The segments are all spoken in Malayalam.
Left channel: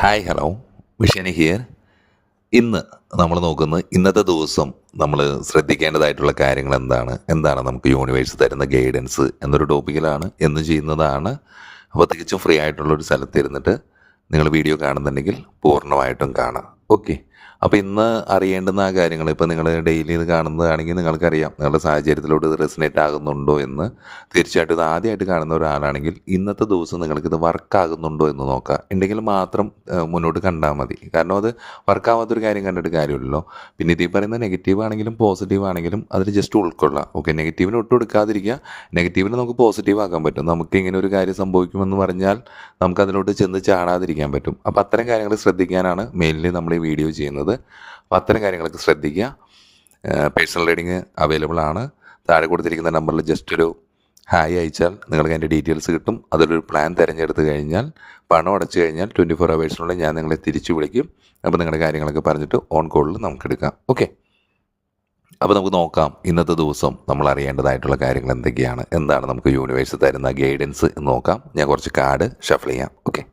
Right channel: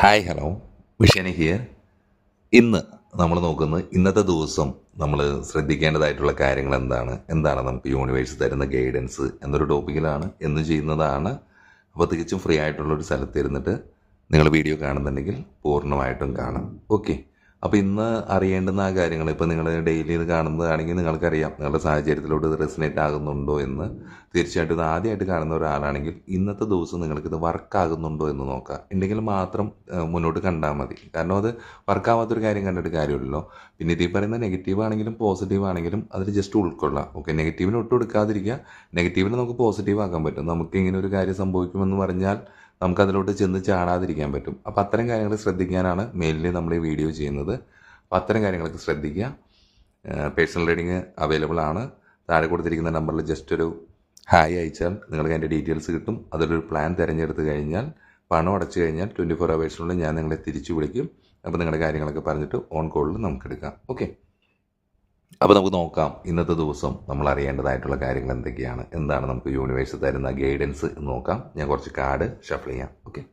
Hi hello വിഷയനി here. ഇന്ന് നമ്മൾ നോക്കുന്നത് ഇന്നത്തെ ദിവസം നമ്മൾ ശ്രദ്ധിക്കേണ്ടതായിട്ടുള്ള കാര്യങ്ങൾ എന്താണ് നമുക്ക് യൂണിവേഴ്സ് തരുന്ന ഗൈഡൻസ് എന്നൊരു ടോപ്പിക്കിലാണ് എന്ന് ചെയ്യുന്നതാണ്. അപ്പോൾ തികച്ചും ഫ്രീ ആയിട്ടുള്ളൊരു സ്ഥലത്ത് ഇരുന്നിട്ട് നിങ്ങൾ വീഡിയോ കാണുന്നുണ്ടെങ്കിൽ പൂർണ്ണമായിട്ടും കാണാം. ഓക്കെ. അപ്പോൾ ഇന്ന് അറിയേണ്ടുന്ന ആ കാര്യങ്ങൾ ഇപ്പോൾ നിങ്ങൾ ഡെയിലി ഇത് കാണുന്നതാണെങ്കിൽ നിങ്ങൾക്കറിയാം നിങ്ങളുടെ സാഹചര്യത്തിലോട്ട് ഇത് റെസിനേറ്റ് ആകുന്നുണ്ടോ എന്ന്. തീർച്ചയായിട്ടും ഇത് ആദ്യമായിട്ട് കാണുന്ന ഒരാളാണെങ്കിൽ ഇന്നത്തെ ദിവസം നിങ്ങൾക്കിത് വർക്കാകുന്നുണ്ടോ എന്ന് നോക്കുക. ഉണ്ടെങ്കിൽ മാത്രം മുന്നോട്ട് കണ്ടാൽ മതി. കാരണം അത് വർക്കാവാത്തൊരു കാര്യം കണ്ടിട്ട് കാര്യമില്ലല്ലോ. പിന്നെ ഇതിൽ പറയുന്ന നെഗറ്റീവ് ആണെങ്കിലും പോസിറ്റീവ് ആണെങ്കിലും അതിൽ ജസ്റ്റ് ഉൾക്കൊള്ളുക. ഓക്കെ, നെഗറ്റീവിന് ഒട്ടും എടുക്കാതിരിക്കുക. നെഗറ്റീവിന് നമുക്ക് പോസിറ്റീവ് ആക്കാൻ പറ്റും. നമുക്ക് ഇങ്ങനെ ഒരു കാര്യം സംഭവിക്കുമെന്ന് പറഞ്ഞാൽ നമുക്കതിലോട്ട് ചെന്ന് ചാടാതിരിക്കാൻ പറ്റും. അപ്പോൾ അത്തരം കാര്യങ്ങൾ ശ്രദ്ധിക്കാനാണ് മെയിൻലി നമ്മൾ ഈ വീഡിയോ ചെയ്യുന്നത്. അപ്പോൾ അത്തരം കാര്യങ്ങളൊക്കെ ശ്രദ്ധിക്കുക. പേഴ്സണൽ റീഡിങ് അവൈലബിൾ ആണ്. താഴെ കൊടുത്തിരിക്കുന്ന നമ്പറിൽ ജസ്റ്റ് ഒരു ഹായ് അയച്ചാൽ നിങ്ങൾക്ക് അതിൻ്റെ ഡീറ്റെയിൽസ് കിട്ടും. അതിലൊരു പ്ലാൻ തിരഞ്ഞെടുത്ത് കഴിഞ്ഞാൽ പണം അടച്ചു കഴിഞ്ഞാൽ 24 ഹവേഴ്സിനുള്ളിൽ ഞാൻ നിങ്ങളെ തിരിച്ചു വിളിക്കും. അപ്പോൾ നിങ്ങളുടെ കാര്യങ്ങളൊക്കെ പറഞ്ഞിട്ട് ഓൺ കോളിൽ നമുക്കെടുക്കാം. ഓക്കെ. അപ്പോൾ നമുക്ക് നോക്കാം ഇന്നത്തെ ദിവസം നമ്മൾ അറിയേണ്ടതായിട്ടുള്ള കാര്യങ്ങൾ എന്താണ് നമുക്ക് യൂണിവേഴ്സ് തരുന്ന ഗൈഡൻസ് എന്ന് നോക്കാം. ഞാൻ കുറച്ച് കാർഡ് ഷഫിൾ ചെയ്യാം. ഓക്കെ.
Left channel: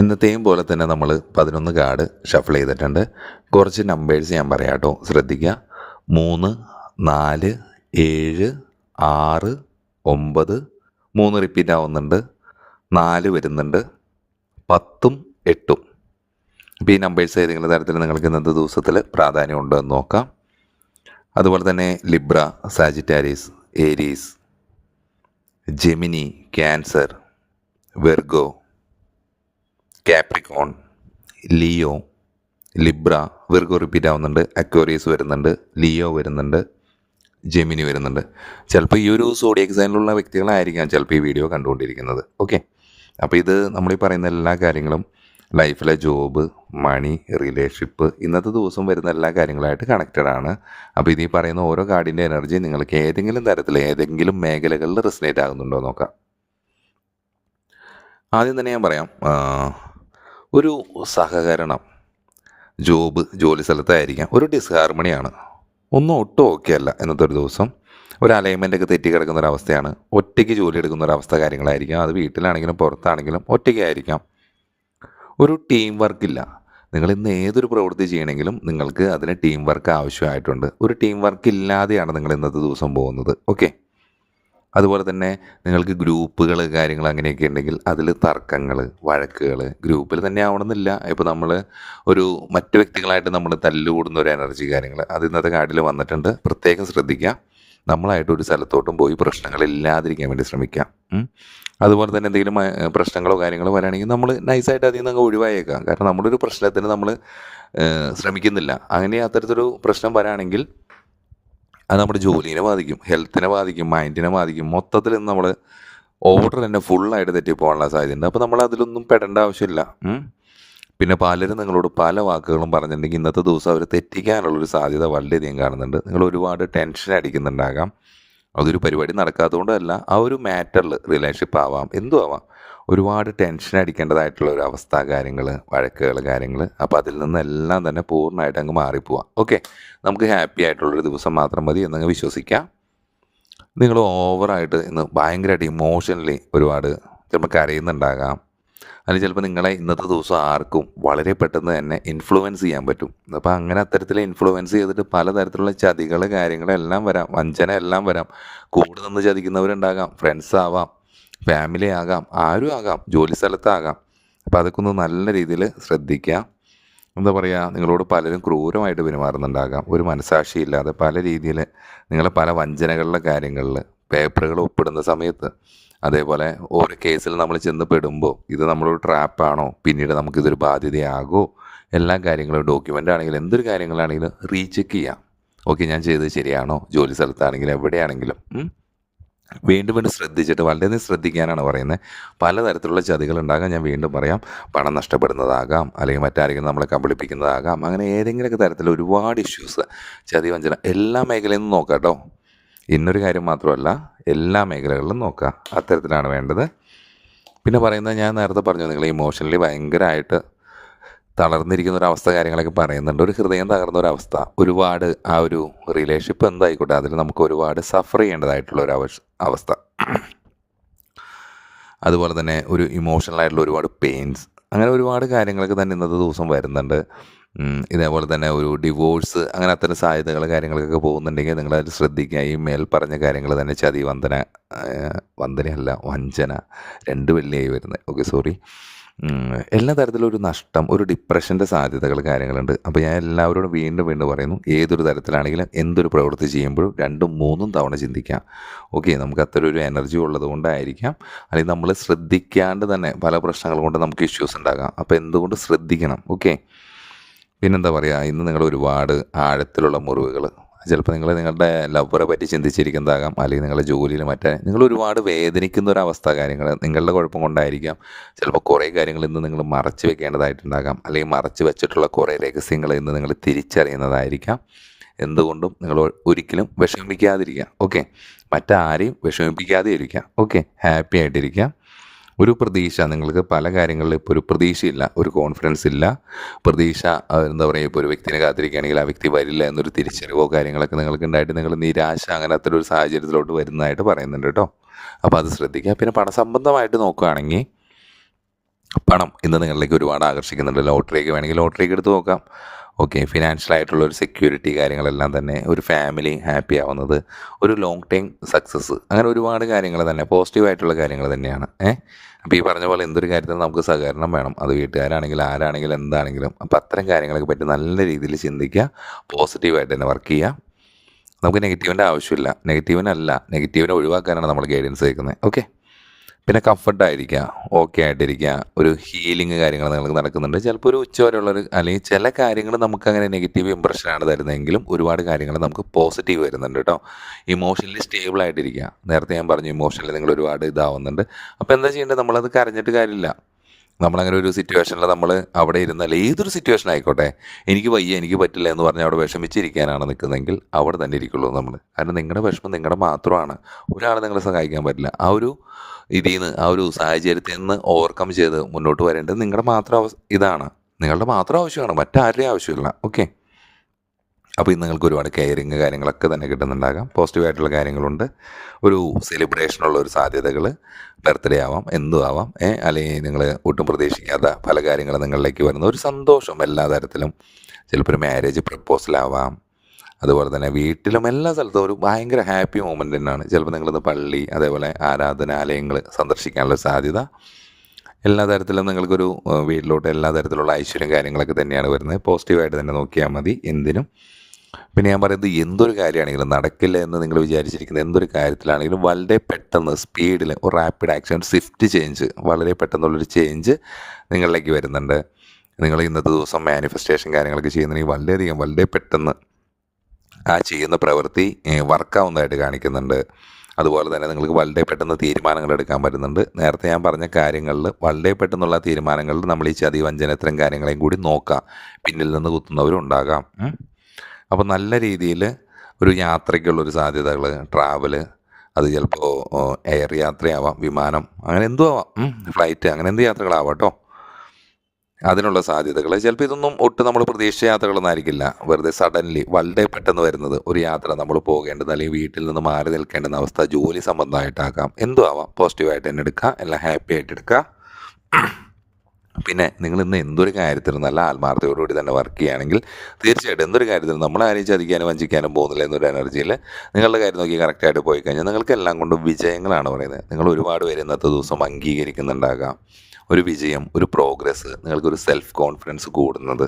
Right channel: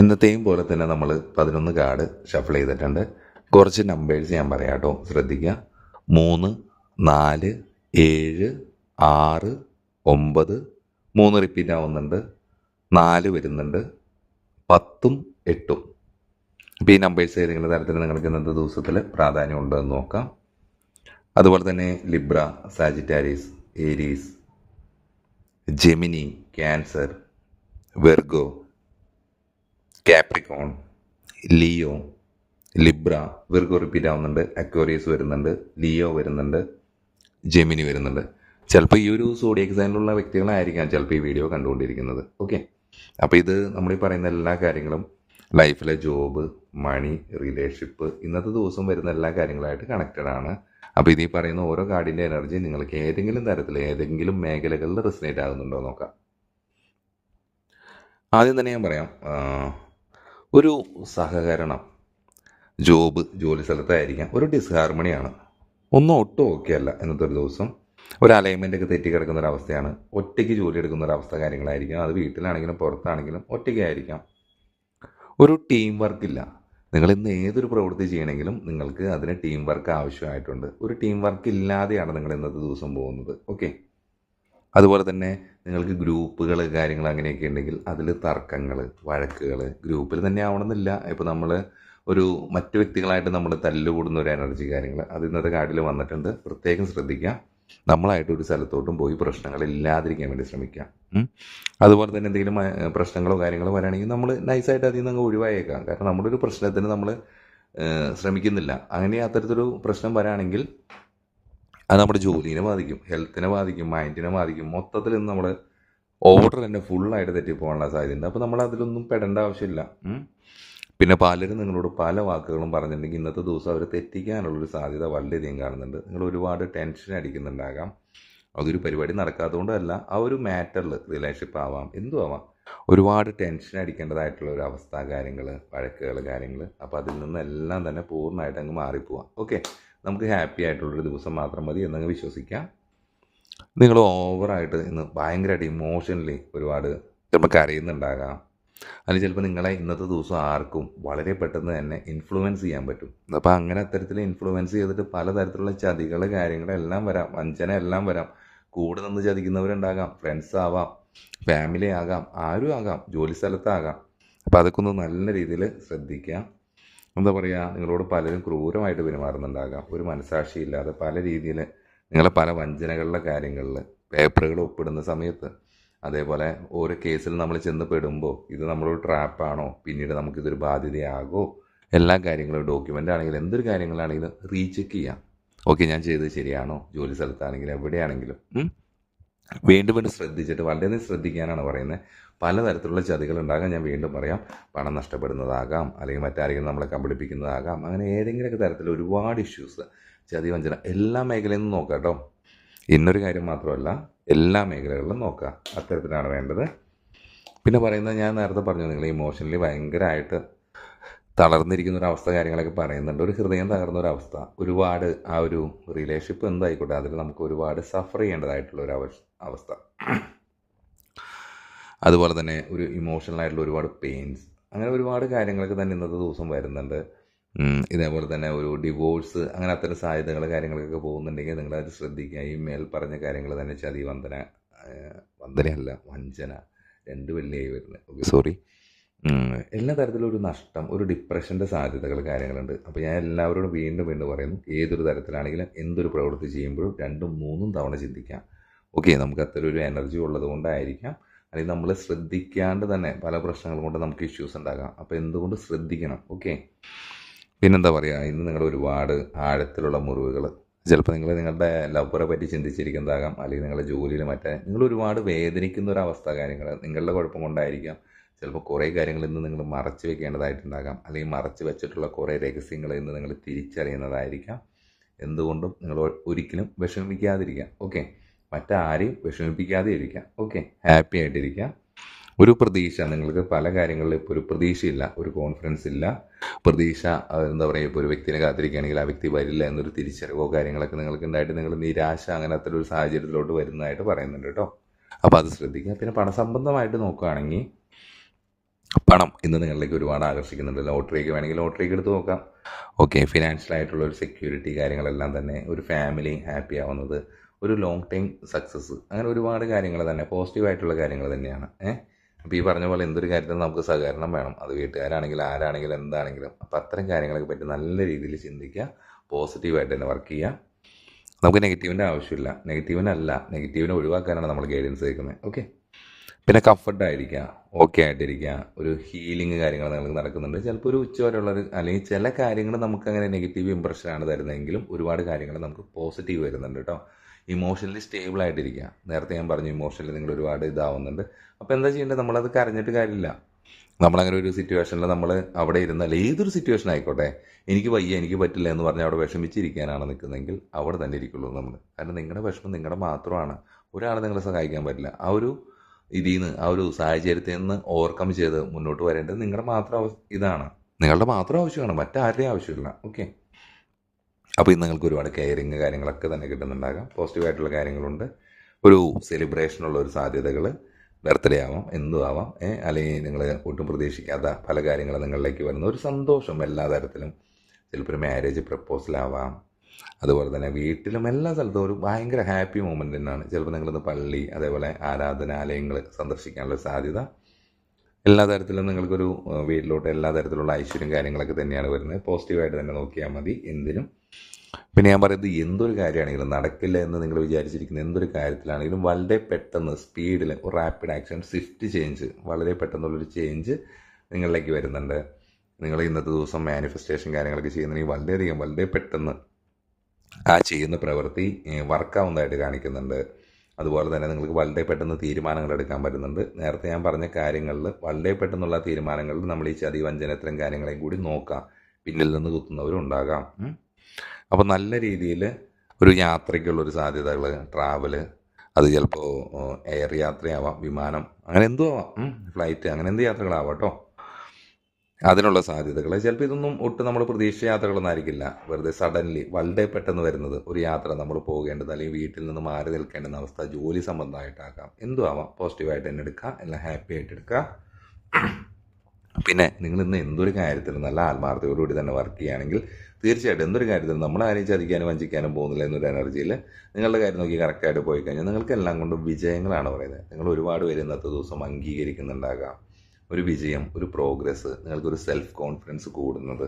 എന്നത്തെയും പോലെ തന്നെ നമ്മൾ 11 കാർഡ് ഷഫിൾ ചെയ്തിട്ടുണ്ട്. കുറച്ച് നമ്പേഴ്സ് ഞാൻ പറയാം കേട്ടോ, ശ്രദ്ധിക്കുക. 3, 4, 7, 6, 9, 3 റിപ്പീറ്റ് ആവുന്നുണ്ട്, 4 വരുന്നുണ്ട്, 10ഉം 8ഉം. അപ്പോൾ ഈ നമ്പേഴ്സ് ഏതെങ്കിലും തരത്തിൽ നിങ്ങൾക്ക് ഇന്നത്തെ ദിവസത്തിൽ പ്രാധാന്യമുണ്ടോ എന്ന് നോക്കാം. അതുപോലെ തന്നെ Libra, Sagittarius, Aries, Gemini, Cancer, Virgo, Capricorn, Leo, Libra, Virgo repeat ആവുന്നുണ്ട്, അക്വേറിയസ് വരുന്നുണ്ട്, ലിയോ വരുന്നുണ്ട്, ജെമിനി വരുന്നുണ്ട്. ചിലപ്പോൾ ഈ ഒരു സോഡിയക് സൈനിലുള്ള വ്യക്തികളായിരിക്കാം ചിലപ്പോൾ ഈ വീഡിയോ കണ്ടുകൊണ്ടിരിക്കുന്നത്. ഓക്കെ. അപ്പോൾ ഇത് നമ്മൾ ഈ പറയുന്ന എല്ലാ കാര്യങ്ങളും ലൈഫിലെ ജോബ്, മണി, റിലേഷൻഷിപ്പ്, ഇന്നത്തെ ദിവസം വരുന്ന എല്ലാ കാര്യങ്ങളായിട്ട് കണക്റ്റഡ് ആണ്. അപ്പോൾ ഇത് ഈ പറയുന്ന ഓരോ കാർഡിൻ്റെ എനർജി നിങ്ങൾക്ക് ഏതെങ്കിലും തരത്തിൽ ഏതെങ്കിലും മേഖലകളിൽ റെസിനേറ്റ് ആകുന്നുണ്ടോ എന്ന് നോക്കാം. ആദ്യം തന്നെ ഞാൻ പറയാം, ഒരു സഹകരണം, ജോലി സ്ഥലത്തായിരിക്കാം, ഒരു ഡിസ്ഹാർമണിയാണ്, ഒന്നും ഒട്ടും ഓക്കെ അല്ല ഇന്നത്തെ ഒരു ദിവസം. ഒരു അലൈൻമെൻ്റൊക്കെ തെറ്റി കിടക്കുന്ന ഒരവസ്ഥയാണ്. ഒറ്റയ്ക്ക് ജോലി എടുക്കുന്ന ഒരവസ്ഥ കാര്യങ്ങളായിരിക്കാം. അത് വീട്ടിലാണെങ്കിലും പുറത്താണെങ്കിലും ഒറ്റയ്ക്കായിരിക്കാം. ഒരു ടീം വർക്കില്ല. നിങ്ങൾ ഇന്ന് ഏതൊരു പ്രവൃത്തി ചെയ്യണമെങ്കിലും നിങ്ങൾക്ക് അതിന് ടീം വർക്ക് ആവശ്യമായിട്ടുണ്ട്. ഒരു ടീം വർക്ക് ഇല്ലാതെയാണ് നിങ്ങൾ ഇന്നത്തെ ദിവസം പോകുന്നത്. ഓക്കെ. അതുപോലെ തന്നെ നിങ്ങൾക്ക് ഗ്രൂപ്പുകൾ കാര്യങ്ങൾ അങ്ങനെയൊക്കെ ഉണ്ടെങ്കിൽ അതിൽ തർക്കങ്ങൾ, വഴക്കുകൾ ഗ്രൂപ്പിൽ തന്നെ ആവണമെന്നില്ല. ഇപ്പോൾ നമ്മൾ ഒരു മറ്റു വ്യക്തികളായിട്ട് നമ്മൾ തല്ലുകൂടുന്ന ഒരു എനർജി കാര്യങ്ങൾ അത് ഇന്നത്തെ കാർഡിൽ വന്നിട്ടുണ്ട്. പ്രത്യേകം ശ്രദ്ധിക്കുക. നമ്മളായിട്ട് ഒരു സ്ഥലത്തോട്ടും പോയി പ്രശ്നങ്ങളില്ലാതിരിക്കാൻ വേണ്ടി ശ്രമിക്കാം. അതുപോലെ തന്നെ എന്തെങ്കിലും പ്രശ്നങ്ങളോ കാര്യങ്ങളോ വരികയാണെങ്കിൽ നമ്മൾ നൈസായിട്ട് അതിൽ നിന്ന് അങ്ങ് ഒഴിവായേക്കാം. കാരണം നമ്മുടെ ഒരു പ്രശ്നത്തിന് നമ്മൾ ശ്രമിക്കുന്നില്ല. അങ്ങനെ അത്തരത്തിലൊരു പ്രശ്നം വരികയാണെങ്കിൽ അത് നമ്മുടെ ജോലിനെ ബാധിക്കും, ഹെൽത്തിനെ ബാധിക്കും, മൈൻഡിനെ ബാധിക്കും. മൊത്തത്തിൽ ഇന്ന് നമ്മൾ ഓർഡർ തന്നെ ഫുള്ളായിട്ട് തെറ്റിപ്പോകാനുള്ള സാധ്യതയുണ്ട്. അപ്പോൾ നമ്മൾ അതിലൊന്നും പെടേണ്ട ആവശ്യമില്ല. പിന്നെ പലരും നിങ്ങളോട് പല വാക്കുകളും പറഞ്ഞിട്ടുണ്ടെങ്കിൽ ഇന്നത്തെ ദിവസം അവർ തെറ്റിക്കാനുള്ളൊരു സാധ്യത വളരെയധികം കാണുന്നുണ്ട്. നിങ്ങൾ ഒരുപാട് ടെൻഷൻ അടിക്കുന്നുണ്ടാകാം. അതൊരു പരിപാടി നടക്കാത്തതുകൊണ്ടല്ല, ആ ഒരു മാറ്ററിൽ റിലേഷൻഷിപ്പ് ആവാം, എന്തും ആവാം, ഒരുപാട് ടെൻഷൻ അടിക്കേണ്ടതായിട്ടുള്ള ഒരു അവസ്ഥ, കാര്യങ്ങൾ, വഴക്കുകൾ, കാര്യങ്ങൾ. അപ്പോൾ അതിൽ നിന്നെല്ലാം തന്നെ പൂർണ്ണമായിട്ട് അങ്ങ് മാറിപ്പോവാം. ഓക്കെ. നമുക്ക് ഹാപ്പി ആയിട്ടുള്ളൊരു ദിവസം മാത്രം മതി എന്നങ്ങ് വിശ്വസിക്കാം. നിങ്ങൾ ഓവറായിട്ട് ഇന്ന് ഭയങ്കരമായിട്ട് ഇമോഷണലി ഒരുപാട് ചിലപ്പോൾ കരയുന്നുണ്ടാകാം. അല്ലെങ്കിൽ ചിലപ്പോൾ നിങ്ങളെ ഇന്നത്തെ ദിവസം ആർക്കും വളരെ പെട്ടെന്ന് തന്നെ ഇൻഫ്ലുവൻസ് ചെയ്യാൻ പറ്റും. അപ്പോൾ അങ്ങനെ അത്തരത്തിൽ ഇൻഫ്ലുവൻസ് ചെയ്തിട്ട് പലതരത്തിലുള്ള ചതികൾ കാര്യങ്ങളെല്ലാം വരാം, വഞ്ചന എല്ലാം വരാം. കൂടെ നിന്ന് ചതിക്കുന്നവരുണ്ടാകാം, ഫ്രണ്ട്സ് ആവാം, ഫാമിലി ആകാം, ആരും ആകാം, ജോലി സ്ഥലത്താകാം. അപ്പോൾ അതൊക്കെ ഒന്ന് നല്ല രീതിയിൽ ശ്രദ്ധിക്കുക. എന്താ പറയുക, നിങ്ങളോട് പലരും ക്രൂരമായിട്ട് പെരുമാറുന്നുണ്ടാകാം. ഒരു മനസ്സാക്ഷിയില്ലാതെ പല രീതിയിൽ നിങ്ങളെ പല വഞ്ചനകളുടെ കാര്യങ്ങളിൽ പേപ്പറുകൾ ഒപ്പിടുന്ന സമയത്ത്, അതേപോലെ ഓരോ കേസിൽ നമ്മൾ ചെന്ന് പെടുമ്പോൾ ഇത് നമ്മളൊരു ട്രാപ്പാണോ, പിന്നീട് നമുക്കിതൊരു ബാധ്യതയാകോ, എല്ലാ കാര്യങ്ങളും ഡോക്യുമെൻ്റ് ആണെങ്കിലും എന്തൊരു കാര്യങ്ങളാണെങ്കിലും റീചെക്ക് ചെയ്യാം. ഓക്കെ, ഞാൻ ചെയ്തത് ശരിയാണോ, ജോലി സ്ഥലത്താണെങ്കിലും എവിടെയാണെങ്കിലും വീണ്ടും വീണ്ടും ശ്രദ്ധിച്ചിട്ട് വളരെയധികം ശ്രദ്ധിക്കാനാണ് പറയുന്നത്. പലതരത്തിലുള്ള ചതികളുണ്ടാകാം. ഞാൻ വീണ്ടും പറയാം, പണം നഷ്ടപ്പെടുന്നതാകാം, അല്ലെങ്കിൽ മറ്റാരെങ്കിലും നമ്മളെ കബളിപ്പിക്കുന്നതാകാം. അങ്ങനെ ഏതെങ്കിലുമൊക്കെ തരത്തിൽ ഒരുപാട് ഇഷ്യൂസ്, ചതി വഞ്ചന എല്ലാ മേഖലയിൽ നിന്നും നോക്കാം കേട്ടോ. ഇന്നൊരു കാര്യം മാത്രമല്ല, എല്ലാ മേഖലകളിലും നോക്കുക. അത്തരത്തിലാണ് വേണ്ടത്. പിന്നെ പറയുന്നത്, ഞാൻ നേരത്തെ പറഞ്ഞു, നിങ്ങൾ ഇമോഷണലി ഭയങ്കരമായിട്ട് തളർന്നിരിക്കുന്ന ഒരവസ്ഥ കാര്യങ്ങളൊക്കെ പറയുന്നുണ്ട്. ഒരു ഹൃദയം തകർന്ന ഒരവസ്ഥ, ഒരുപാട് ആ ഒരു റിലേഷൻഷിപ്പ് എന്തായിക്കോട്ടെ അതിൽ നമുക്ക് ഒരുപാട് സഫർ ചെയ്യേണ്ടതായിട്ടുള്ള ഒരു അവസ്ഥ. അതുപോലെ തന്നെ ഒരു ഇമോഷണലായിട്ടുള്ള ഒരുപാട് പെയിൻസ്, അങ്ങനെ ഒരുപാട് കാര്യങ്ങളൊക്കെ തന്നെ ഇന്നത്തെ ദിവസം വരുന്നുണ്ട്. ഇതേപോലെ തന്നെ ഒരു ഡിവോഴ്സ്, അങ്ങനെ അത്തരം സാധ്യതകൾ കാര്യങ്ങളൊക്കെ പോകുന്നുണ്ടെങ്കിൽ നിങ്ങളത് ശ്രദ്ധിക്കുക. ഈ മേൽ പറഞ്ഞ കാര്യങ്ങൾ തന്നെ ചതി, വഞ്ചനയല്ല, വഞ്ചന, രണ്ട് വെള്ളിയായി വരുന്നത്. Okay, sorry. എല്ലാ തരത്തിലും ഒരു നഷ്ടം, ഒരു ഡിപ്രഷൻ്റെ സാധ്യതകൾ കാര്യങ്ങളുണ്ട്. അപ്പോൾ ഞാൻ എല്ലാവരോടും വീണ്ടും വീണ്ടും പറയുന്നു, ഏതൊരു തരത്തിലാണെങ്കിലും എന്തൊരു പ്രവൃത്തി ചെയ്യുമ്പോഴും 2ഉം 3ഉം തവണ ചിന്തിക്കാം. ഓക്കെ, നമുക്ക് അത്ര ഒരു എനർജി ഉള്ളത് കൊണ്ടായിരിക്കാം, അല്ലെങ്കിൽ നമ്മൾ ശ്രദ്ധിക്കാണ്ട് തന്നെ പല പ്രശ്നങ്ങൾ കൊണ്ട് നമുക്ക് ഇഷ്യൂസ് ഉണ്ടാകാം. അപ്പോൾ എന്തുകൊണ്ട് ശ്രദ്ധിക്കണം. ഓക്കെ, പിന്നെന്താ പറയുക, ഇന്ന് നിങ്ങൾ ഒരുപാട് ആഴത്തിലുള്ള മുറിവുകൾ, ചിലപ്പോൾ നിങ്ങളുടെ ലവറെ പറ്റി ചിന്തിച്ചിരിക്കുന്നതാകാം, അല്ലെങ്കിൽ നിങ്ങളുടെ ജോലിയിൽ നിങ്ങൾ ഒരുപാട് വേദനിക്കുന്ന ഒരവസ്ഥ കാര്യങ്ങൾ നിങ്ങളുടെ കുഴപ്പം കൊണ്ടായിരിക്കാം. ചിലപ്പോൾ കുറേ കാര്യങ്ങൾ ഇന്ന് നിങ്ങൾ മറച്ചു വെക്കേണ്ടതായിട്ടുണ്ടാകാം, അല്ലെങ്കിൽ മറച്ചു വെച്ചിട്ടുള്ള കുറേ രഹസ്യങ്ങൾ ഇന്ന് നിങ്ങൾ തിരിച്ചറിയുന്നതായിരിക്കാം. എന്തുകൊണ്ടും നിങ്ങൾ ഒരിക്കലും വിഷമിപ്പിക്കാതിരിക്കുക. ഓക്കെ, മറ്റാരെയും വിഷമിപ്പിക്കാതെ ഇരിക്കുക. ഓക്കെ, ഹാപ്പി ആയിട്ടിരിക്കുക. ഒരു പ്രതീക്ഷ, നിങ്ങൾക്ക് പല കാര്യങ്ങളിലും ഇപ്പോൾ ഒരു പ്രതീക്ഷയില്ല, ഒരു കോൺഫിഡൻസ് ഇല്ല. പ്രതീക്ഷ, എന്താ പറയുക, ഇപ്പോൾ ഒരു വ്യക്തിനെ കാത്തിരിക്കുകയാണെങ്കിൽ ആ വ്യക്തി വരില്ല എന്നൊരു തിരിച്ചറിവോ കാര്യങ്ങളൊക്കെ നിങ്ങൾക്ക് ഉണ്ടായിട്ട് നിങ്ങൾ നിരാശ അങ്ങനെ അത്തരം ഒരു സാഹചര്യത്തിലോട്ട് വരുന്നതായിട്ട് പറയുന്നുണ്ട് കേട്ടോ. അപ്പോൾ അത് ശ്രദ്ധിക്കുക. പിന്നെ പണസംബന്ധമായിട്ട് നോക്കുകയാണെങ്കിൽ പണം ഇന്ന് നിങ്ങളിലേക്ക് ഒരുപാട് ആകർഷിക്കുന്നുണ്ട്. ലോട്ടറിയൊക്കെ വേണമെങ്കിൽ ലോട്ടറിയൊക്കെ എടുത്ത് നോക്കാം. ഓക്കെ, ഫിനാൻഷ്യലായിട്ടുള്ള ഒരു സെക്യൂരിറ്റി കാര്യങ്ങളെല്ലാം തന്നെ, ഒരു ഫാമിലി ഹാപ്പി ആവുന്നത്, ഒരു ലോങ് ടൈം സക്സസ്, അങ്ങനെ ഒരുപാട് കാര്യങ്ങൾ തന്നെ പോസിറ്റീവായിട്ടുള്ള കാര്യങ്ങൾ തന്നെയാണ്. അപ്പോൾ ഈ പറഞ്ഞ പോലെ എന്തൊരു കാര്യത്തിനും നമുക്ക് സഹകരണം വേണം. അത് വീട്ടുകാരാണെങ്കിലും ആരാണെങ്കിലും എന്താണെങ്കിലും. അപ്പോൾ അത്തരം കാര്യങ്ങളൊക്കെ പറ്റി നല്ല രീതിയിൽ ചിന്തിക്കുക, പോസിറ്റീവായിട്ട് തന്നെ വർക്ക് ചെയ്യുക. നമുക്ക് നെഗറ്റീവിൻ്റെ ആവശ്യമില്ല, നെഗറ്റീവിനെ ഒഴിവാക്കാനാണ് നമ്മൾ ഗൈഡൻസ് കേൾക്കുന്നത്. ഓക്കെ, പിന്നെ കംഫർട്ടായിരിക്കുക, ഓക്കെ ആയിട്ടിരിക്കുക. ഒരു ഹീലിംഗ് കാര്യങ്ങൾ നിങ്ങൾക്ക് നടക്കുന്നുണ്ട്. ചിലപ്പോൾ ഒരു ഉച്ചവരെയുള്ളൊരു, അല്ലെങ്കിൽ ചില കാര്യങ്ങൾ നമുക്കങ്ങനെ നെഗറ്റീവ് ഇമ്പ്രഷനാണ് തരുന്നതെങ്കിലും ഒരുപാട് കാര്യങ്ങൾ നമുക്ക് പോസിറ്റീവ് വരുന്നുണ്ട് കേട്ടോ. ഇമോഷണലി സ്റ്റേബിൾ ആയിട്ടിരിക്കുക. നേരത്തെ ഞാൻ പറഞ്ഞു, ഇമോഷണലി നിങ്ങൾ ഒരുപാട് ഇതാവുന്നുണ്ട്. അപ്പോൾ എന്താ ചെയ്യേണ്ടത്, നമ്മളത് കരഞ്ഞിട്ട് കാര്യമില്ല. നമ്മളങ്ങനെ ഒരു സിറ്റുവേഷനിൽ നമ്മൾ അവിടെ ഇരുന്നാൽ, ഏതൊരു സിറ്റുവേഷൻ ആയിക്കോട്ടെ, എനിക്ക് വയ്യ, എനിക്ക് പറ്റില്ല എന്ന് പറഞ്ഞാൽ അവിടെ വിഷമിച്ചിരിക്കാനാണ് നിൽക്കുന്നതെങ്കിൽ അവിടെ തന്നെ ഇരിക്കുള്ളൂ നമ്മൾ. കാരണം നിങ്ങളുടെ വിഷമം നിങ്ങളുടെ മാത്രമാണ്, ഒരാളെ നിങ്ങളെ സഹായിക്കാൻ പറ്റില്ല. ആ ഒരു ഇതിൽ നിന്ന്, ആ ഒരു സാഹചര്യത്തിൽ നിന്ന് ഓവർകം ചെയ്ത് മുന്നോട്ട് വരേണ്ടത് നിങ്ങളുടെ മാത്രം ഇതാണ്, നിങ്ങളുടെ മാത്രം ആവശ്യമാണ്, മറ്റാരുടെയും ആവശ്യമില്ല. ഓക്കെ, അപ്പോൾ ഇന്ന് നിങ്ങൾക്ക് ഒരുപാട് കെയറിങ് കാര്യങ്ങളൊക്കെ തന്നെ കിട്ടുന്നുണ്ടാകാം. പോസിറ്റീവായിട്ടുള്ള കാര്യങ്ങളുണ്ട്. ഒരു സെലിബ്രേഷനുള്ള ഒരു സാധ്യതകൾ, ബർത്ത്ഡേ ആവാം, എന്തും ആവാം, അല്ലെങ്കിൽ നിങ്ങൾ ഒട്ടും പ്രതീക്ഷിക്കാത്ത പല കാര്യങ്ങളും നിങ്ങളിലേക്ക് വരുന്ന ഒരു സന്തോഷം എല്ലാ തരത്തിലും. ചിലപ്പോൾ ഒരു മാരേജ് പ്രപ്പോസലാവാം, അതുപോലെ തന്നെ വീട്ടിലും എല്ലാ സ്ഥലത്തും ഒരു ഭയങ്കര ഹാപ്പി മൊമെൻ്റ് തന്നെയാണ്. ചിലപ്പോൾ നിങ്ങളിന്ന് പള്ളി, അതേപോലെ ആരാധനാലയങ്ങൾ സന്ദർശിക്കാനുള്ള സാധ്യത, എല്ലാ തരത്തിലും നിങ്ങൾക്കൊരു വീട്ടിലോട്ട് എല്ലാ തരത്തിലുള്ള ഐശ്വര്യം കാര്യങ്ങളൊക്കെ തന്നെയാണ് വരുന്നത്. പോസിറ്റീവായിട്ട് തന്നെ നോക്കിയാൽ മതി എന്തിനും. പിന്നെ ഞാൻ പറയുന്നത്, എന്തൊരു കാര്യമാണെങ്കിലും നടക്കില്ല എന്ന് നിങ്ങൾ വിചാരിച്ചിരിക്കുന്ന എന്തൊരു കാര്യത്തിലാണെങ്കിലും വളരെ പെട്ടെന്ന് സ്പീഡിൽ ഒരു റാപ്പിഡ് ആക്ഷൻ, സ്വിഫ്റ്റ് ചേഞ്ച്, വളരെ പെട്ടെന്നുള്ളൊരു ചേഞ്ച് നിങ്ങളിലേക്ക് വരുന്നുണ്ട്. നിങ്ങൾ ഇന്നത്തെ ദിവസം മാനിഫെസ്റ്റേഷൻ കാര്യങ്ങളൊക്കെ ചെയ്യുന്നുണ്ടെങ്കിൽ വളരെ പെട്ടെന്ന് ആ ചെയ്യുന്ന പ്രവൃത്തി വർക്കാവുന്നതായിട്ട് കാണിക്കുന്നുണ്ട്. അതുപോലെ തന്നെ നിങ്ങൾക്ക് വളരെ പെട്ടെന്ന് തീരുമാനങ്ങൾ എടുക്കാൻ പറ്റുന്നുണ്ട്. നേരത്തെ ഞാൻ പറഞ്ഞ കാര്യങ്ങളിൽ വളരെ പെട്ടെന്നുള്ള തീരുമാനങ്ങളിൽ നമ്മൾ ഈ ചതി, വഞ്ചന, ഇത്തരം കാര്യങ്ങളെയും കൂടി നോക്കാം. പിന്നിൽ നിന്ന് കുത്തുന്നവരും ഉണ്ടാകാം. അപ്പോൾ നല്ല രീതിയിൽ ഒരു യാത്രയ്ക്കുള്ളൊരു സാധ്യതകൾ, ട്രാവല്, അത് ചിലപ്പോൾ എയർ യാത്രയാവാം, വിമാനം, അങ്ങനെ എന്തും ആവാം, ഫ്ലൈറ്റ്, അങ്ങനെ എന്ത് യാത്രകളാവാം കേട്ടോ. അതിനുള്ള സാധ്യതകൾ ചിലപ്പോൾ ഇതൊന്നും ഒട്ടും നമ്മൾ പ്രതീക്ഷിച്ച യാത്രകളൊന്നും ആയിരിക്കില്ല. വെറുതെ സഡൻലി വളരെ പെട്ടെന്ന് വരുന്നത് ഒരു യാത്ര നമ്മൾ പോകേണ്ടത് അല്ലെങ്കിൽ വീട്ടിൽ നിന്ന് മാറി നിൽക്കേണ്ടുന്ന അവസ്ഥ ജോലി സംബന്ധമായിട്ടാകാം. എന്തും ആവാം. പോസിറ്റീവായിട്ട് തന്നെ എടുക്കുക. എല്ലാം ഹാപ്പി ആയിട്ട് എടുക്കുക. പിന്നെ നിങ്ങൾ ഇന്ന് എന്തൊരു കാര്യത്തിലും നല്ല ആത്മാർത്ഥതയോടുകൂടി തന്നെ വർക്ക് ചെയ്യുകയാണെങ്കിൽ തീർച്ചയായിട്ടും എന്തൊരു കാര്യത്തിലും നമ്മൾ ആരെയും ചതിക്കാനും വഞ്ചിക്കാനും പോകുന്നില്ല എന്നൊരു എനർജിയിൽ നിങ്ങളുടെ കാര്യം നോക്കി കറക്റ്റായിട്ട് പോയി കഴിഞ്ഞാൽ നിങ്ങൾക്ക് എല്ലാം കൊണ്ടും വിജയങ്ങളാണ് പറയുന്നത്. നിങ്ങൾ ഒരുപാട് പേര് ഇന്നത്തെ ദിവസം അംഗീകരിക്കുന്നുണ്ടാകാം. ഒരു വിജയം, ഒരു പ്രോഗ്രസ്, നിങ്ങൾക്കൊരു സെൽഫ് കോൺഫിഡൻസ് കൂടുന്നത്.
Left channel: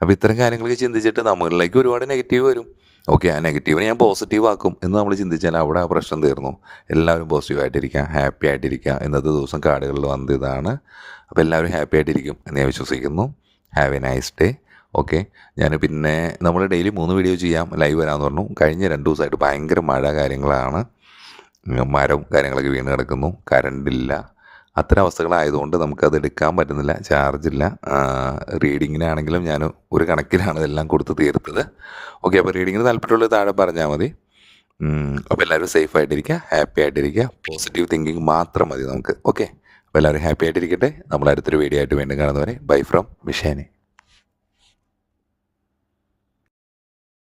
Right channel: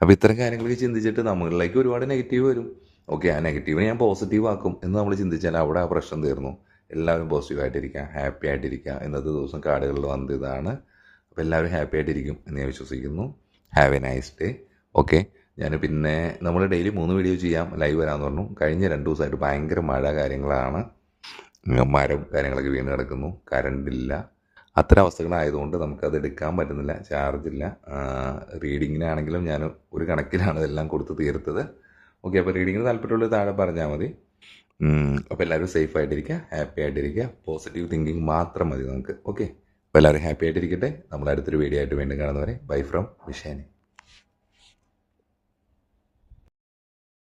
അപ്പോൾ ഇത്തരം കാര്യങ്ങളൊക്കെ ചിന്തിച്ചിട്ട് നമ്മളിലേക്ക് ഒരുപാട് നെഗറ്റീവ് വരും. ഓക്കെ, ആ നെഗറ്റീവിനെ ഞാൻ പോസിറ്റീവ് ആക്കും എന്ന് നമ്മൾ ചിന്തിച്ചാൽ അവിടെ ആ പ്രശ്നം തീർന്നു. എല്ലാവരും പോസിറ്റീവായിട്ടിരിക്കുക, ഹാപ്പി ആയിട്ടിരിക്കുക. ഇന്നത്തെ ദിവസം കാർഡുകളിൽ വന്നത് ഇതാണ്. അപ്പോൾ എല്ലാവരും ഹാപ്പി ആയിട്ടിരിക്കും എന്ന് ഞാൻ വിശ്വസിക്കുന്നു. Have A nice day. Okay, ഞാൻ പിന്നെ നമ്മൾ ഡെയിലി 3 വീഡിയോ ചെയ്യാം, ലൈവ് വരാമെന്ന് പറഞ്ഞു. കഴിഞ്ഞ 2 ദിവസമായിട്ട് ഭയങ്കര മഴ കാര്യങ്ങളാണ്. മരം കാര്യങ്ങളൊക്കെ വീണ് കിടക്കുന്നു, കറണ്ടില്ല. അത്തരം അവസ്ഥകളായതുകൊണ്ട് നമുക്കത് എടുക്കാൻ പറ്റുന്നില്ല, ചാർജില്ല. റീഡിങ്ങിനാണെങ്കിലും ഞാൻ ഒരു കണക്കിനാണ് ഇതെല്ലാം കൊടുത്ത് തീർത്തത്. ഓക്കെ, അപ്പോൾ റീഡിങ്ങിന് താല്പര്യമുള്ളത് താഴെ പറഞ്ഞാൽ മതി. അപ്പോൾ എല്ലാവരും സേഫായിട്ടിരിക്കുക, ഹാപ്പി ആയിട്ടിരിക്കുക. പോസിറ്റീവ് തിങ്കിങ് മാത്രം മതി നമുക്ക്. ഓക്കെ, അപ്പോൾ എല്ലാവരും ഹാപ്പി ആയിട്ടിരിക്കട്ടെ. നമ്മൾ അടുത്തൊരു വീഡിയോ ആയിട്ട് വീണ്ടും കാണുന്നവരെ ബൈ ഫ്രം വിഷേനെ.